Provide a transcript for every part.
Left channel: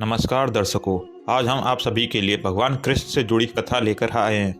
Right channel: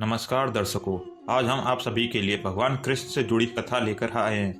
नमस्कार दर्शकों, आज हम आप सभी के लिए भगवान कृष्ण से जुड़ी कथा लेकर आए हैं।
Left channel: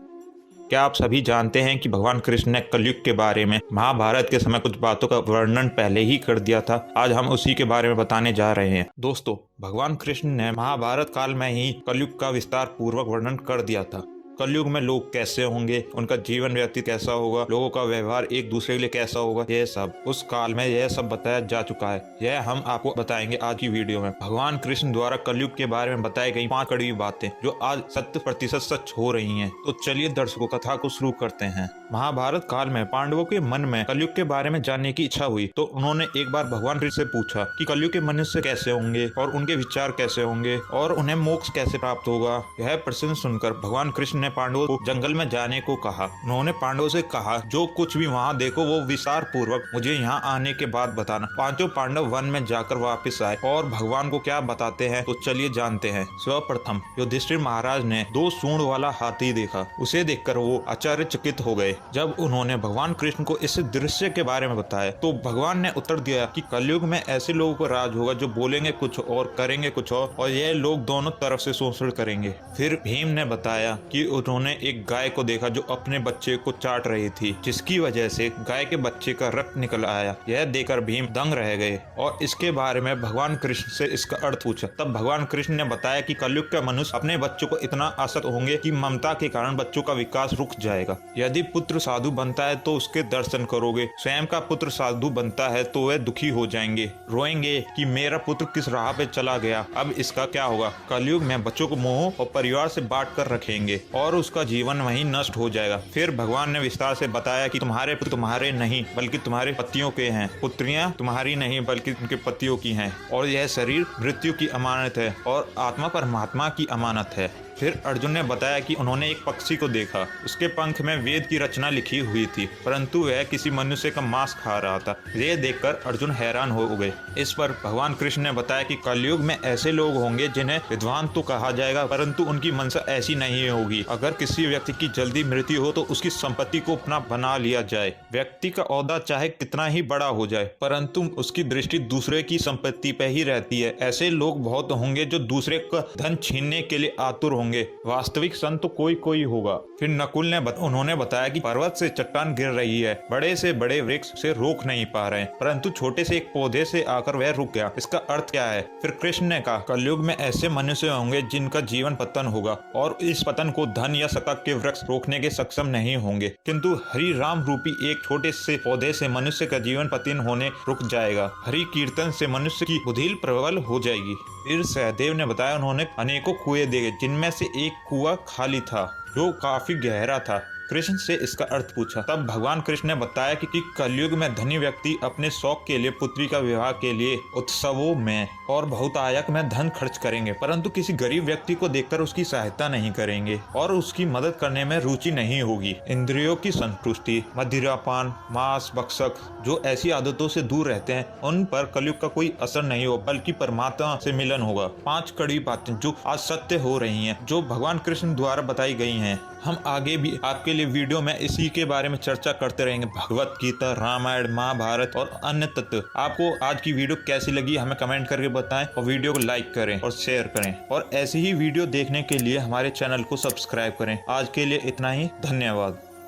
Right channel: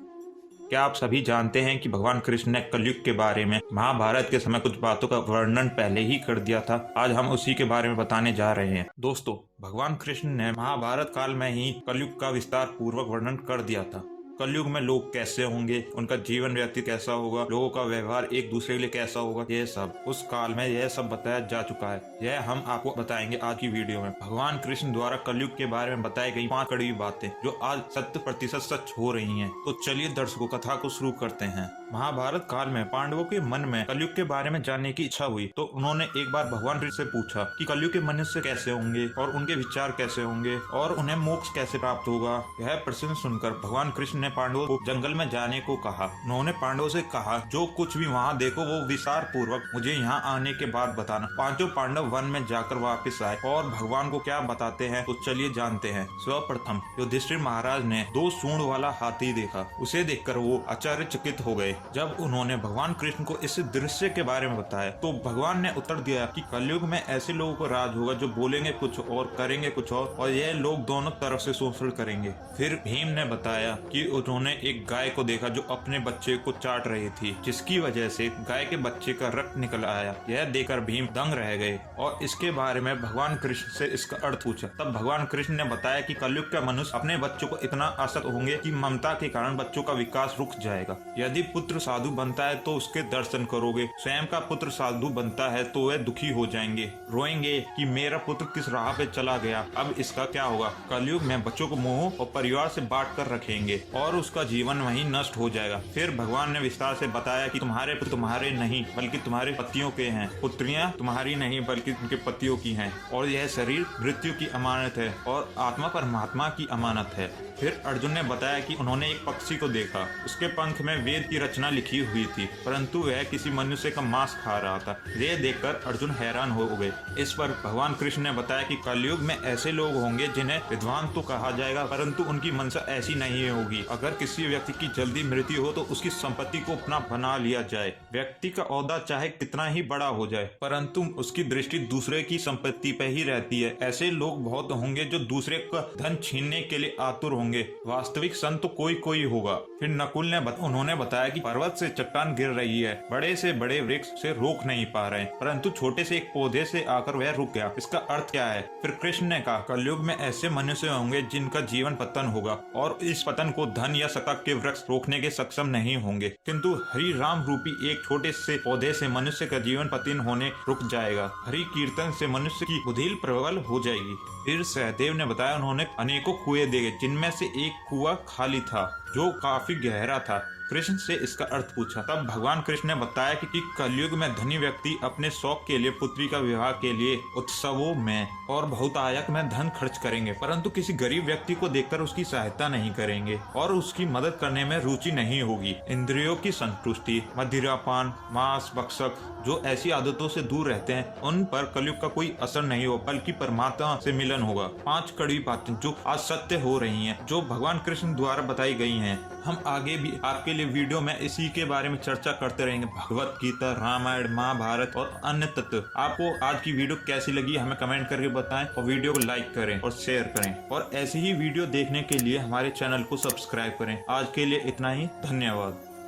क्या आप सभी जानते हैं कि भगवान कृष्ण ने कलयुग के बारे में महाभारत के समय कुछ बातों का वर्णन पहले ही कर दिया था। आज हम उसी के बारे में बताने जा रहे हैं। दोस्तों, भगवान कृष्ण ने महाभारत काल में ही कलयुग का विस्तार पूर्वक वर्णन कर दिया था। कलयुग में लोग कैसे होंगे, उनका जीवन व्यतीत कैसा होगा, लोगों का व्यवहार एक दूसरे के लिए कैसा होगा, यह सब उस काल में यह सब बताया जा चुका है। यह हम आपको बताएंगे आज की वीडियो में। भगवान कृष्ण द्वारा कलयुग के बारे में बताई गई 5 कड़वी बातें जो आज 100% सच हो रही हैं। तो चलिए दर्शकों, कथा को शुरू करते हैं। महाभारत काल में पांडवों के मन में कलयुग के बारे में जानने की इच्छा हुई, तो उन्होंने एक बार भगवान कृष्ण से पूछा कि कलयुग के मनुष्य कैसे होंगे और उनके विचार कैसे होंगे और उन्हें मोक्ष कैसे प्राप्त होगा। यह प्रश्न सुनकर भगवान कृष्ण ने पांडवों को जंगल में जाने को कहा। उन्होंने पांडवों से कहा, जो कुछ भी वहाँ देखो वो विस्तार पूर्वक मुझे यहाँ आने के बाद बताना। पांचों पांडव वन में जाकर वापस आए और भगवान को क्या बताते हैं तो चलिए जानते हैं। सर्वप्रथम युधिष्ठिर महाराज ने 2 सूंड वाला हाथी देखा। उसे देखकर वो आश्चर्यचकित हो गए। जब उन्होंने भगवान कृष्ण को इस दृश्य के बारे में बताया तो भगवान ने उत्तर दिया कि कलयुग में ऐसे लोगों का राज होगा जो बोलेंगे कुछ और करेंगे कुछ और यह लोग दोनों तरफ से शोषण करेंगे। फिर भीम ने बताया कि उन्होंने एक गाय को देखा जो अपने बच्चे को चाट रही थी, जिसकी वजह से गाय के बच्चे का रक्त निकल आया। यह देखकर भीम दंग रह गए और इसके बारे में भगवान कृष्ण से इसका अर्थ पूछा। तब भगवान कृष्ण ने बताया कि कलयुग का मनुष्य अपने बच्चों को इतना आसक्त होंगे कि ममता के कारण बच्चों का विकास रुक जाएगा। यदि पुत्र साधु बनता है तो उसके दर्शन करोगे, स्वयं का पुत्र साधु बनता है तो वह दुखी हो जाएंगे, रोएंगे कि मेरा पुत्र किस राह पे चला गया, अब इसका क्या होगा। कलयुग में बच्चों को मोह और परिवार से बांट कर रखेंगे और उसका जीवन वहीं नष्ट हो जाएगा। फिर भगवान ने विस्तार से बताया कि तुम्हारे पुत्र तुम्हारे नहीं बल्कि तुम्हारे पतियों के हैं, पुत्रियां तुम्हारी नहीं बल्कि उनके पतियों की हैं, और यह शरीर मृत्यु की अमानत है और आत्मा परमात्मा की अमानत है। फिर अर्जुन ने बताया कि उन्होंने एक पक्षी को देखा। उसके पंख में वेद की रचना लिखी हुई थी, परंतु वह किसी मनुष्य का मांस खा रहा था। ये देखकर अर्जुन हैरान हो गए। इस पर भगवान कृष्ण ने बताया कि कलयुग में ऐसे लोग होंगे जिन्हें विद्वान तो कहा जाएगा, परंतु उनकी मंशा ऐसी नहीं होगी। अगर किसी व्यक्ति की जल्दी मृत्यु हो तो उसकी संपत्ति को अपना बना लिया जाए। व्यक्ति का ओहदा चाहे कितना ही बड़ा हो जाए, परंतु उसकी दृष्टि दूसरे की संपत्ति पे ही रहती है। ऐसे लोग बहुत होंगे जो दूसरे का धन छीनने के लिए आतुर होंगे। वास्तविक संत तो कोई कोई होगा। फिर नकुल ने उन्होंने बताया कि पर्वत से चट्टान गिर रही है, बड़े से बड़े वृक्ष से रोक नहीं पा रहे, परंतु छोटे से एक पौधे से आकर वह रुक गया, इसका अर्थ क्या है। फिर कृष्ण ने कहा, कलयुग में ऐसे मनुष्य होंगे जिनका जीवन पतन होगा और इस पतन को धन या शतक के वृक्ष रोकने के सक्षम नहीं होंगे, किंतु हरि राम रूपी एक छोटे से पौधे से मनुष्य का जीवन पतन होने रुक जाएगा। हरि कीर्तन से मनुष्य की बुद्धि प्रबल हो जाएगी। फिर सहदेव ने बताया, उन्होंने अनेकों कुएं देखे जिनमें से एक कुआं खाली था जो काफी गहरा था। कृष्ण से इसका अर्थ पूछा। तब भगवान कृष्ण ने बताया कि कलयुग में धनी व्यक्ति अपने शौक के लिए पुत्री का विवाह के लिए उत्सवों में और बहुतायत में धन खर्च करेंगे, परंतु किसी गरीब व्यक्ति को देखकर उसकी सहायता नहीं करेंगे और उसकी मदद करने में रुचि नहीं होगी। इंद्रियों की संतुष्टि, मदिरापान, मांस भक्षक जो ऐसी आदतों से दूर रहते हैं, उन पर कलयुग का कोई असर नहीं हो बल्कि परमात्मा से मिलन होगा। 5 कड़वी बातें जो आज सत्य हो रही हैं, जो भगवान कृष्ण द्वारा बताई गई हैं। हम आगे भी आपके लिए वीडियो में इसी के बारे में चर्चा करते रहेंगे। भगवत गीता, रामायण, महाभारत और अन्य तत्व। आपको आज की वीडियो कैसी लगी हमें कमेंट करके बताएं और वीडियो को लाइक करें और शेयर करें, और ऐसी ही वीडियो देखने के लिए हमारे चैनल को सब्सक्राइब करें। आज के लिए इतना ही, धन्यवाद।